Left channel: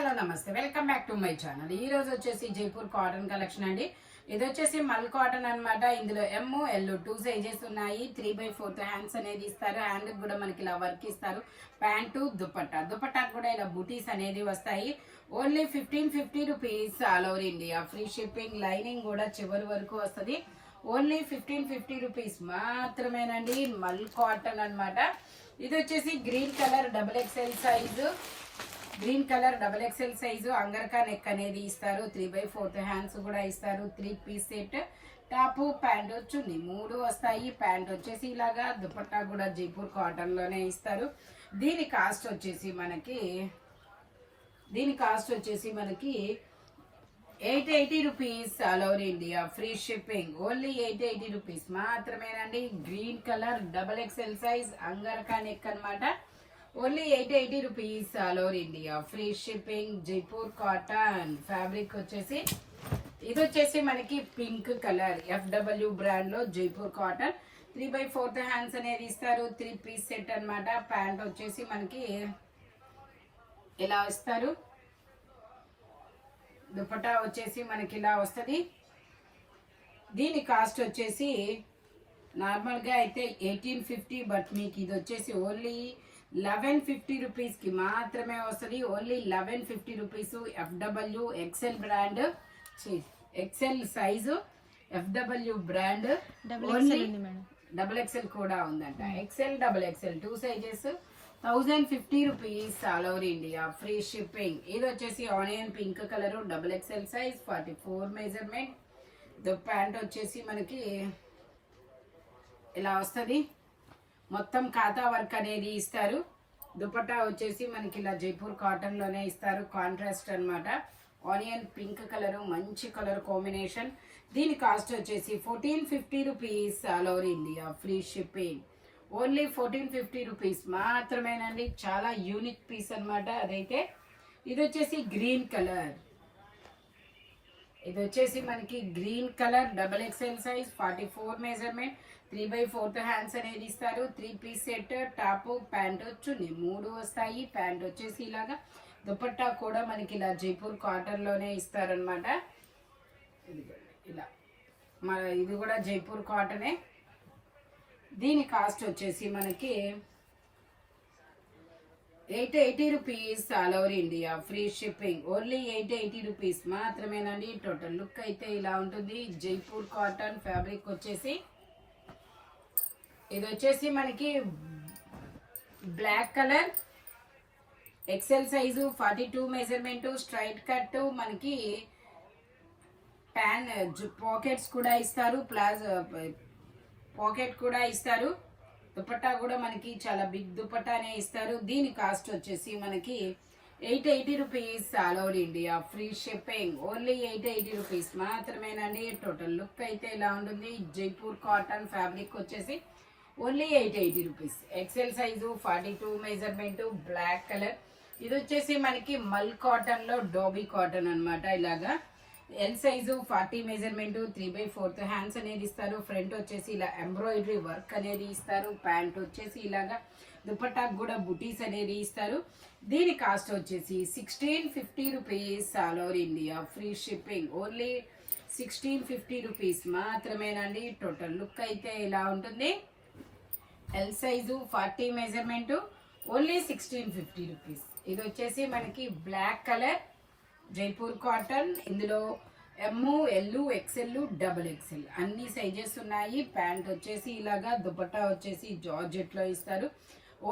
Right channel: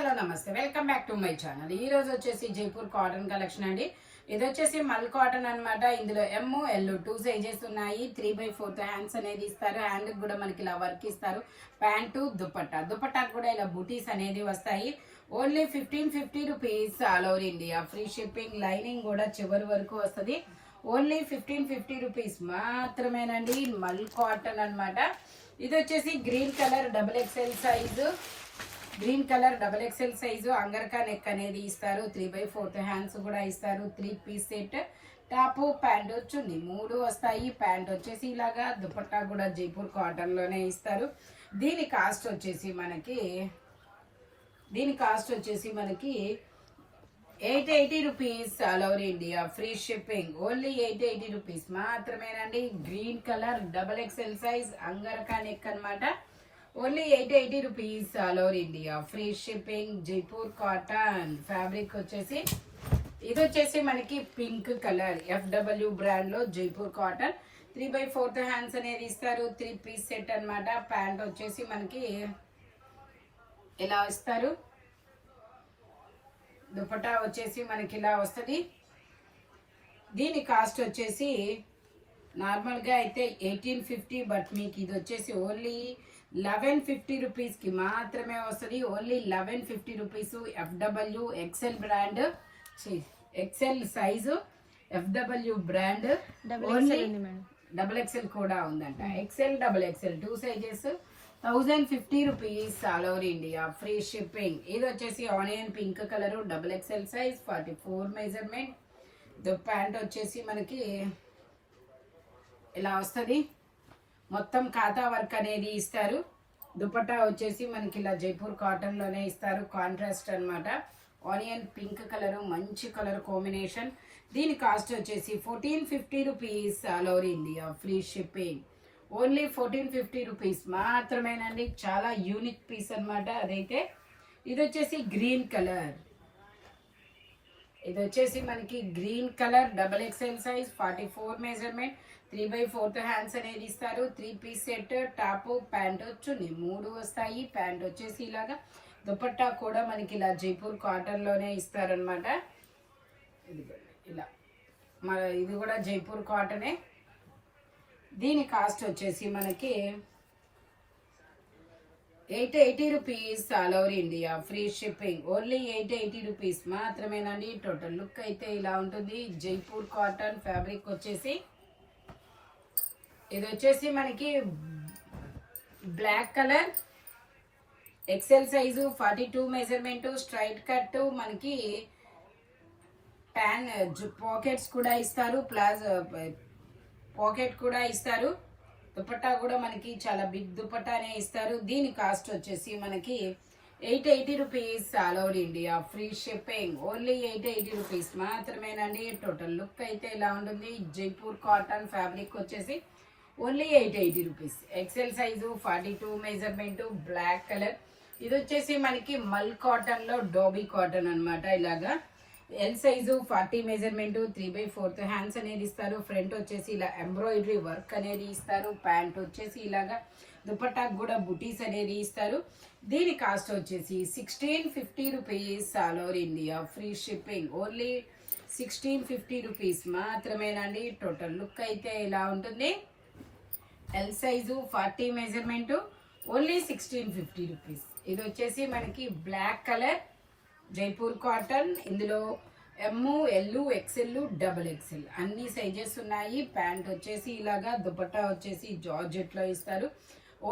Hello నమస్తే, welcome back to my channel. ఈ రోజు వచ్చేసి జైపూర్ కాటన్ కలెక్షన్ అండి. ఇది వచ్చేసి మల్ కాటన్ అన్నమాట. ఇందులో ఎమ్ ఎల్ 2 సైజెస్ ఉన్నాయి. 3/4 హ్యాండ్స్ అనేది ఇస్తారు. హ్యాండ్ కూడా మనకి ఇలా వర్క్ ఇస్తారు. ప్యాంటు దుపట్టా కూడా ఇలా బూటీస్ అనేది వస్తాయి. Only 1550 rupees all over India. Free shipping, lining కూడా చివరి వరకు వస్తుంది. ఓన్లీ 1550 రూపీస్ మాత్రమేనండి. మల్ కాటన్ అన్నమాట. ఇది వచ్చేసి green colour double XL size angarkha neck అనేది ఇస్తారు. 3/4 హ్యాండ్స్ కూడా ఇస్తారు. 3 piece set, top pant chunni 3 వస్తాయి. ప్యాంట్ వచ్చేసి ఇలాగా, దుపట్టా కూడా జైపూర్ కాటన్ లోనే ఇస్తారు. దీని కాస్ట్ వచ్చేసి మనకి 880 rupees all over India. Free shipping. Only 880 rupees మాత్రమేనండి. Green colour double XL size angarkha neck అనమాట. Only 880 rupees all over India. Free shipping. Jaipur cotton fabric వచ్చేసి ఇది వచ్చేసి మనకి పింక్ కలర్ FW బ్రాండ్ లో జైపూర్ కాటన్. 3/4 హ్యాండ్స్ అనేది ఇస్తారు. 3 పీస్ సెట్ అనమాట. ప్యాంట్ వచ్చేసి మనకి ఇలా ఇస్తారు. దుపట్టా వచ్చేసి మనకి ఇలా వస్తుంది. దీని కాస్ట్ వచ్చేసి నార్మల్ గా అయితే 1850, బట్ మీకు ఇది వచ్చేసి ఓన్లీ 1150 రూపీస్ కి మాత్రమే వస్తుంది. Only 1150 rupees. FW XL brand, XL size FW brand. Only double XL కూడా ఉందంట. XL double XL 2 sizes. 1050 rupees all over India. Free shipping. ఇది వచ్చేసి onion pink colour double XL size 44 measurement. Pant వచ్చేసి మనకి ఇలా వస్తుంది. మొత్తం ఖాతా వర్క్ అనేది ఇస్తారు. దుపట్టా వచ్చేసి మనకి ఇలా జైపూర్ కాటన్ లోనే ఇస్తారు. కాంట్రాస్ట్ అన్నమాట. ఆనియన్ పింక్ కలర్, మంచి కలర్ కాంబినేషన్. దీని కాస్ట్ వచ్చేసి 1450 rupees all over India. Free shipping. Only 1450 rupees మాత్రమేనండి. చాలా యూనిక్ పీస్ అన్నమాట అదైతే. ఇది వచ్చేసి గ్రీన్ కలర్. ఇది వచ్చేసి మనకి green colour double XL size 44 measurement. 3/4 hands అనేది ఇస్తారు. 3 piece set, top pant chunni 3 వస్తాయి. ప్యాంట్ వచ్చేసి ఇలాగా. దుపట్టా కూడా మనకి ఇలా జైపూర్ కాటన్ లోనే ఇస్తారనమాట. ఇలా ఇది కూడా జైపూర్ కాటనే. దీని కాస్ట్ వచ్చేసి మనకి 880 rupees all over India. Free shipping. Only 880 rupees మాత్రమేనండి. టోటల్ లుక్ అయితే ఇలా ఉంటుంది. జైపూర్ కాటన్ ఫ్యాబ్రిక్ వచ్చేసి ఇది వచ్చేసి మనకి black colour XL size 42 measurement. Straight cut మనకి పాకెట్స్ కూడా ఇస్తారు. పాకెట్ కూడా ఇస్తారు. దుపట్టా కూడా మనకి చాలా బిగ్ దుపట్టానే ఇస్తారు. దీని కాస్ట్ వచ్చేసి మనకి 880 rupees all over India. Free shipping. Only 880 rupees మాత్రమేనండి. టోటల్ లుక్ అయితే ఇలా ఉంటుంది. జైపూర్ కాటన్ ఫ్యాబ్రిక్ వచ్చేసి only 880 rupees. XL size 42 measurement. Black colour. ఇది వచ్చేసి మనకి మల్ కాటన్ లో డోబీ కాటన్ అనమాట. ఇలాగా ఎల్ సైజు 40 మెజర్మెంట్. 3/4 హ్యాండ్స్ అనేది ఇస్తారు. ఫ్రంట్ వచ్చేసి ఇలా ఎంబ్రాయిడరీ వర్క్ అనేది ఇస్తారు. ప్యాంట్ వచ్చేసి ఇలాగా. దుపట్టా కూడా బుటీస్ అనేది ఇస్తారు. దీని కాస్ట్ వచ్చేసి 1650 rupees all over India. Free shipping. Only 1650 rupees మాత్రమేనండి. టోటల్ లుక్ అయితే ఇలా ఉంటుంది. L size 40 measurement. Only 1650 rupees. ఇది వచ్చేసి మనకి బ్లాక్ కలర్ జైపూర్ కాటన్. ఇందులో M L XL double XL అన్ని సైజెస్ ఉన్నాయి. ప్యాంట్ వచ్చేసి ఇలాగా. దుపట్టా వచ్చేసి జార్జెట్ లో ఇస్తారు.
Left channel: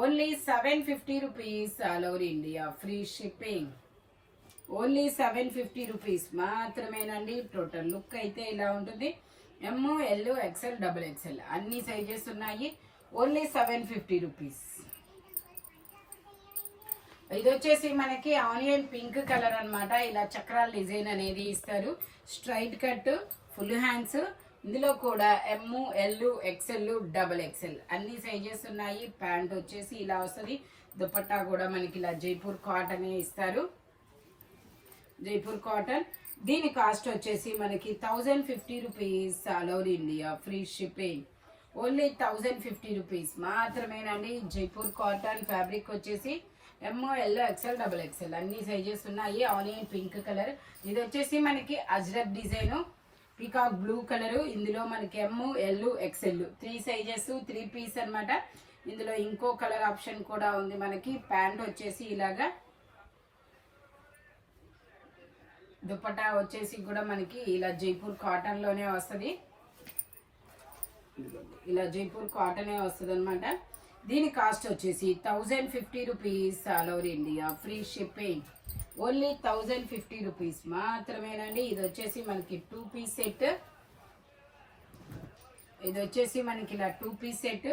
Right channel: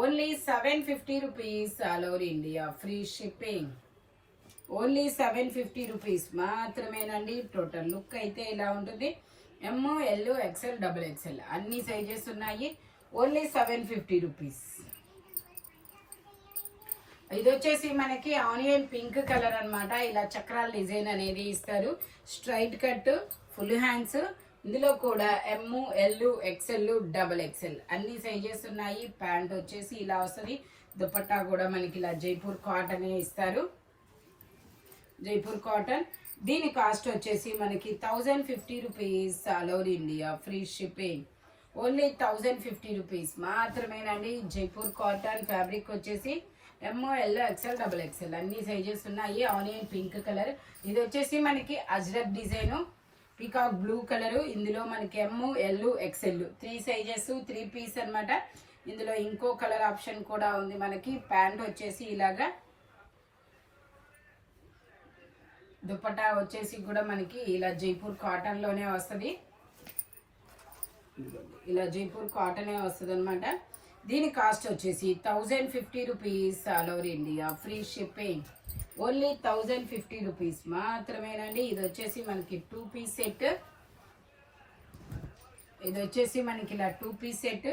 Only 750 rupees all over India. Free shipping. Only 750 rupees మాత్రమేనండి. టోటల్ లుక్ అయితే ఇలా ఉంటుంది. M L XL double XL అన్ని సైజెస్ ఉన్నాయి. Only 750 rupees. ఇది వచ్చేసి మనకి ఆనియన్ పింక్ కలర్ అన్నమాట. ఇలా చక్రాల డిజైన్ అనేది ఇస్తారు. Straight cut, full hands. ఇందులో కూడా M L XL double XL అన్ని సైజెస్ ఉన్నాయి. ప్యాంట్ వచ్చేసి ఇలా వస్తుంది. దుపట్టా కూడా మనకి ఇలా జైపూర్ కాటన్ ఇస్తారు. జైపూర్ కాటన్. దీని కాస్ట్ వచ్చేసి మనకి 1050 rupees all over India. Free shipping. Only 1050 rupees మాత్రమేనండి. జైపూర్ కాటన్ ఫ్యాబ్రిక్ వచ్చేసి ఎల్ ఎక్సెల్ డబుల్ ఎక్సెల్ అన్ని సైజెస్ ఉన్నాయి. ఆనియన్ పింక్ కలర్, ఇది వచ్చేసి మనకి Ajrakh design, peacock blue colour. ఇందులో మనకి ఎల్ ఎక్సెల్ 3 సైజెస్ 3 పీస్ అన్నమాట. ఇందులో ఇంకో కలర్ ఆప్షన్ కూడా ఉంది మనకి. ప్యాంట్ వచ్చేసి ఇలాగా, దుపట్టా వచ్చేసి కూడా మనకి ఇలా జైపూర్ కాటన్ లోనే వస్తుంది. ఇలా జైపూర్ కాటనే వస్తుంది అనమాట. దీని కాస్ట్ వచ్చేసి 1050 rupees all over India, free shipping. Only 1050 rupees మాత్రమేనండి. ఇది వచ్చేసి మనకి 2 పీస్ సెట్. ఇది వచ్చేసి మనకి ఇలా 2 piece set,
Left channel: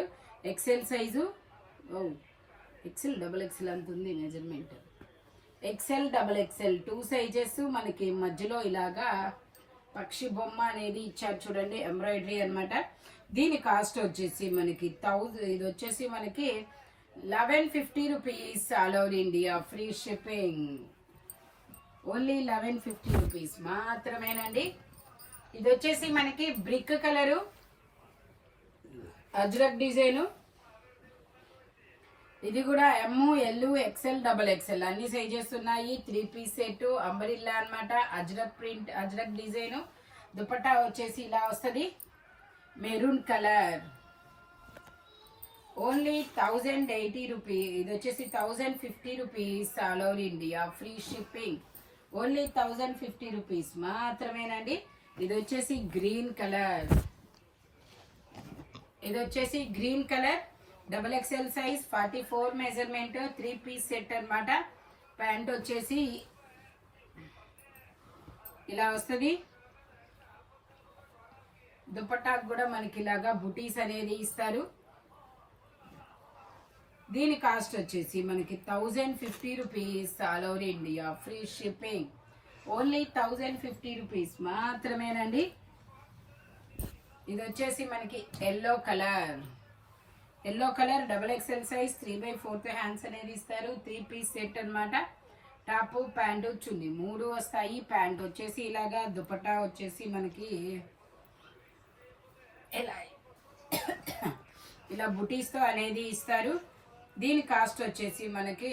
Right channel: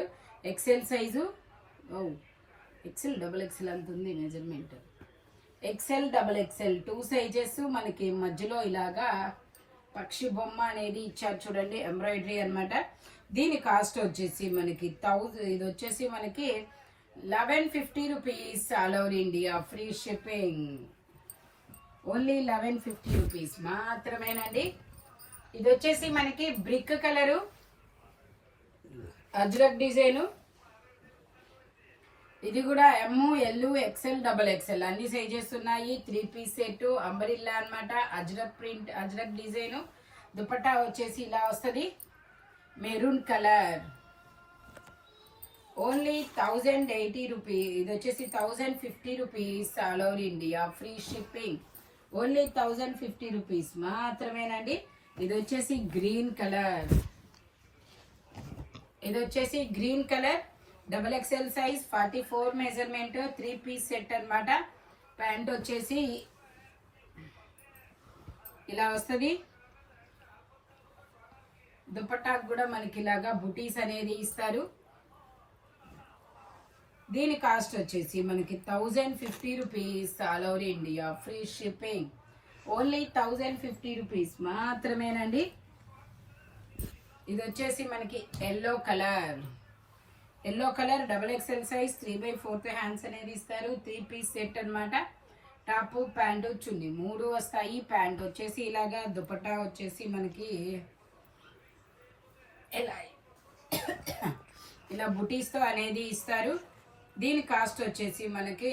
XL size. XL double XL అంత ఉంది measurement. XL double XL 2 sizes. మనకి మధ్యలో ఇలాగా పక్షి బొమ్మ అనేది ఇచ్చారు చూడండి, ఎంబ్రాయిడరీ అన్నమాట. దీని కాస్ట్ వచ్చేసి మనకి ఇది వచ్చేసి మనకి 1150 rupees all over India, free shipping. Only 1150 rupees మాత్రమేనండి. ఇది వచ్చేసి మనకి బ్రిక్ కలరు, అజ్రక్ డిజైను. ఇది కూడా ఎల్ ఎక్సెల్ డబుల్ ఎక్సెల్ అన్ని సైజెస్ ఉన్నాయి. 3 పీస్ సెట్, అంబరిల్లా అన్నమాట. Ajrakh print, Ajrakh design. దుపట్టా వచ్చేసి ఇలా వస్తుంది, మెరూన్ కలర్. Only 1080 rupees. ఇది వచ్చేసి 1050 rupees all over India, free shipping. Only 1050 rupees మాత్రమేనండి. ఇది వచ్చేసి గ్రీన్ కలర్. ఇది వచ్చేసి green colour, double XL size, 44 measurement, 3 piece set అన్నమాట. ప్యాంట్ వచ్చేసి ఇలా వస్తుంది. దుపట్టాకు కూడా మనకి ఇలాగా బుటీస్ అనేది ఇస్తారు. దీని కాస్ట్ వచ్చేసి మనకి 1050 rupees all over India, free shipping. Only 1050 rupees మాత్రమేనండి. ఇది వచ్చేసి మనకి yellow colour. Yellow colour double XL size, 3/4 hands అనేది ఇస్తారు. 3 పీస్ సెట్ అన్నమాట. టాప్, ప్యాంటు, చున్నీ 3 వస్తాయి. ప్యాంట్ వచ్చేసి ఇలాగా, దుపట్టా వచ్చేసి మనకి ఇలా బుటీస్ తో అనేది ఇస్తారు. దీని కాస్ట్ వచ్చేసి మనకి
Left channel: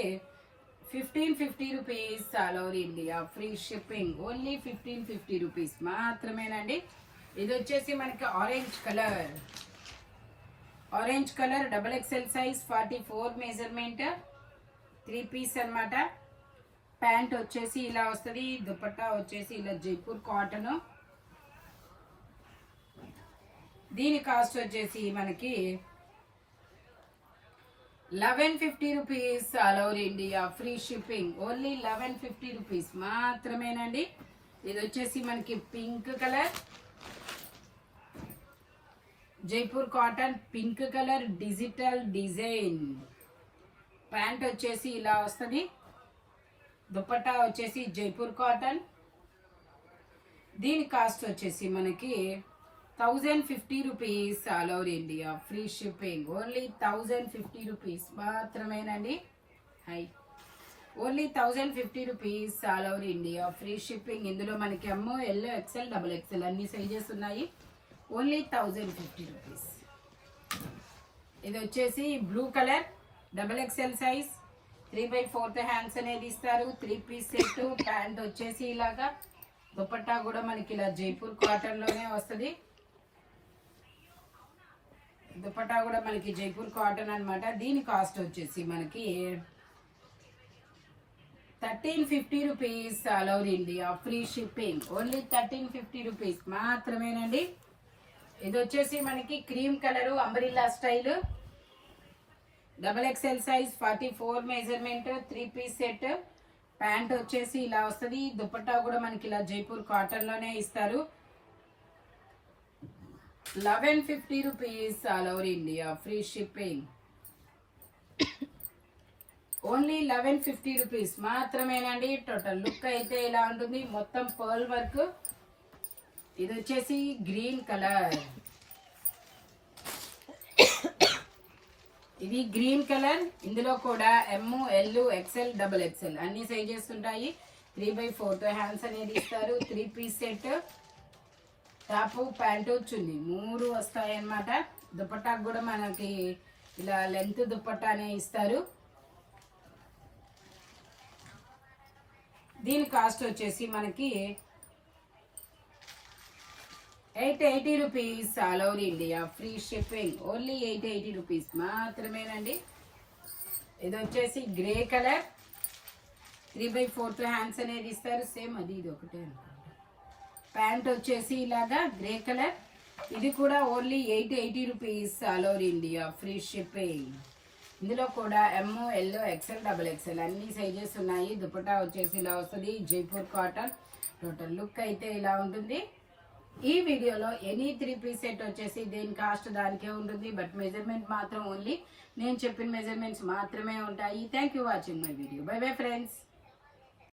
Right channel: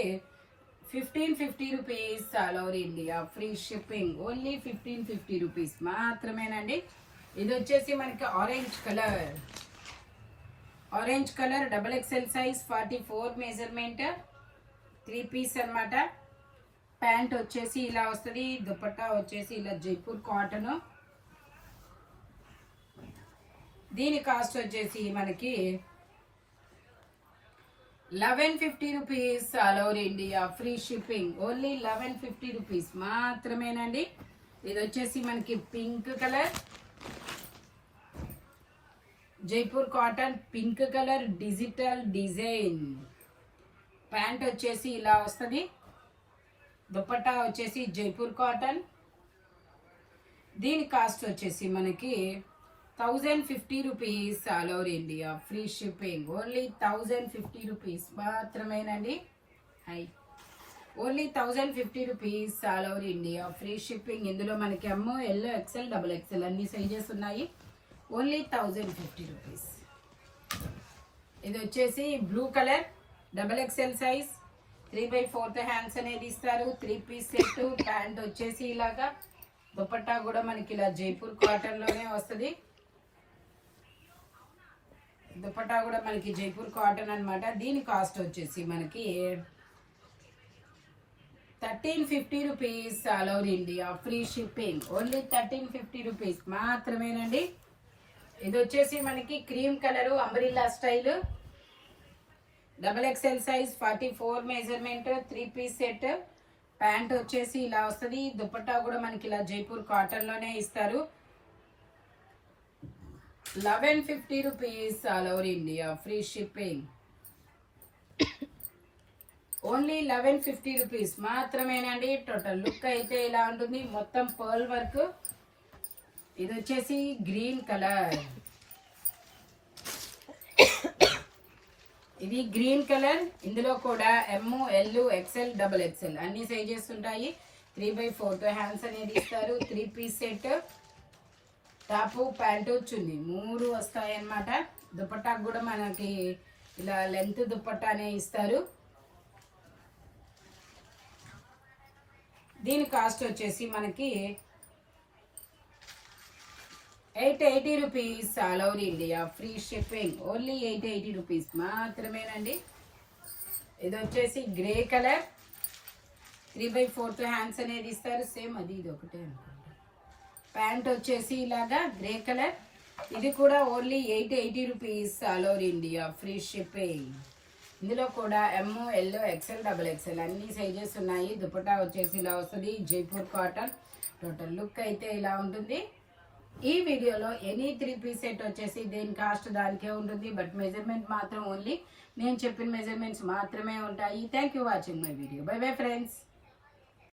1550 rupees all over India, free shipping. Only 1550 rupees మాత్రమేనండి. ఇది వచ్చేసి మనకి orange colour. Orange colour double XL size, 44 measurement, 3 piece అన్నమాట. ప్యాంట్ వచ్చేసి ఇలా వస్తుంది. దుపట్టా వచ్చేసి ఇలా జైపూర్ కాటన్. దీని కాస్ట్ వచ్చేసి మనకి 1150 rupees all over India, free shipping. Only 1150 rupees మాత్రమేనండి. ఇది వచ్చేసి మనకి pink colour, Jaipur cotton, pink colour, digital design. Pant వచ్చేసి ఇలా వస్తుంది. దుపట్టా వచ్చేసి జైపూర్ కాటన్. దీని కాస్ట్ వచ్చేసి మనకి 1050 rupees all over India, free shipping. Only 1050 rupees మాత్రమేనండి. Only 1050 rupees all over India, free shipping. ఇందులో మనకి ఎల్ ఎక్సెల్ డబుల్ ఎక్సెల్ అన్ని సైజెస్ ఉన్నాయి. Only 1050 rupees. ఇది వచ్చేసి blue colour, double XL size, 3/4 hands అనేది ఇస్తారు. 3 పీస్ సెట్. ప్యాంట్ వచ్చేసి ఇలాగా, దుపట్టా కూడా మనకి ఇలా జైపూర్ కాటన్ లోనే వస్తుంది. దుపట్టా కూడా మనకి జైపూర్ కాటన్ అన్నమాట. దీని కాస్ట్ వచ్చేసి మనకి 1350 rupees all over India, free shipping. Only 1350 rupees మాత్రమేనండి. ఇది వచ్చేసి మనకి cream colour, umbrella style, double XL size, 44 measurement, 3 piece set. Pant వచ్చేసి ఇలా వస్తుంది. దుపట్టా కూడా మనకి ఇలా జైపూర్ కాటన్ లోనే ఇస్తారు. 1150 rupees all over India, free shipping. Only 1150 rupees మాత్రమేనండి. టోటల్ లుక్ అయితే ఇలా ఉంటుంది, మొత్తం పర్ల్ వర్క్. ఇది వచ్చేసి గ్రీన్ కలర్. ఇది గ్రీన్ కలర్. ఇందులో కూడా ఎల్ ఎక్సెల్ డబుల్ ఎక్సెల్ అన్ని సైజెస్ ఉంటాయి. 3/4 హ్యాండ్స్ అనేది ఇస్తారు. 3 పీస్ సెట్. టాపు, ప్యాంటు, చున్నీ 3 వస్తాయి అన్నమాట. దుపట్టాకు కూడా మనకి ఇలా లెంత్ దుపట్టానే ఇస్తారు. దీని కాస్ట్ వచ్చేసి మనకి 880 rupees all over India, free shipping. Only 880 rupees మాత్రమేనండి. ఇది వచ్చేసి గ్రే కలర్, 3/4 హ్యాండ్స్ అనేది ఇస్తారు. సేమ్ అది ఇది ఒకటే అనుకుంటా. ప్యాంట్ వచ్చేసి ఇలాగా గ్రే కలర్. ఇది కూడా only 880 rupees all over India, free shipping. ఇందులో కూడా ఎమ్, ఎల్, ఎక్సెల్, XXL అన్ని సైజెస్ ఉన్నాయి. దుపట్టా వచ్చేసి ఇలా వస్తుంది, జైపూర్ కాటన్. టోటల్ లుక్ అయితే ఇలా ఉంటుంది. ఈ వీడియోలో ఎనీ 3 పీస్ సెట్ వచ్చేసి దేని కాస్ట్ దానికే ఉంటుంది. బట్ మెజర్మెంట్ మాత్రం ఓన్లీ నేను చెప్పిన మెజర్మెంట్స్ మాత్రమే ఉంటాయి. Thank you watching my video. By bye friends.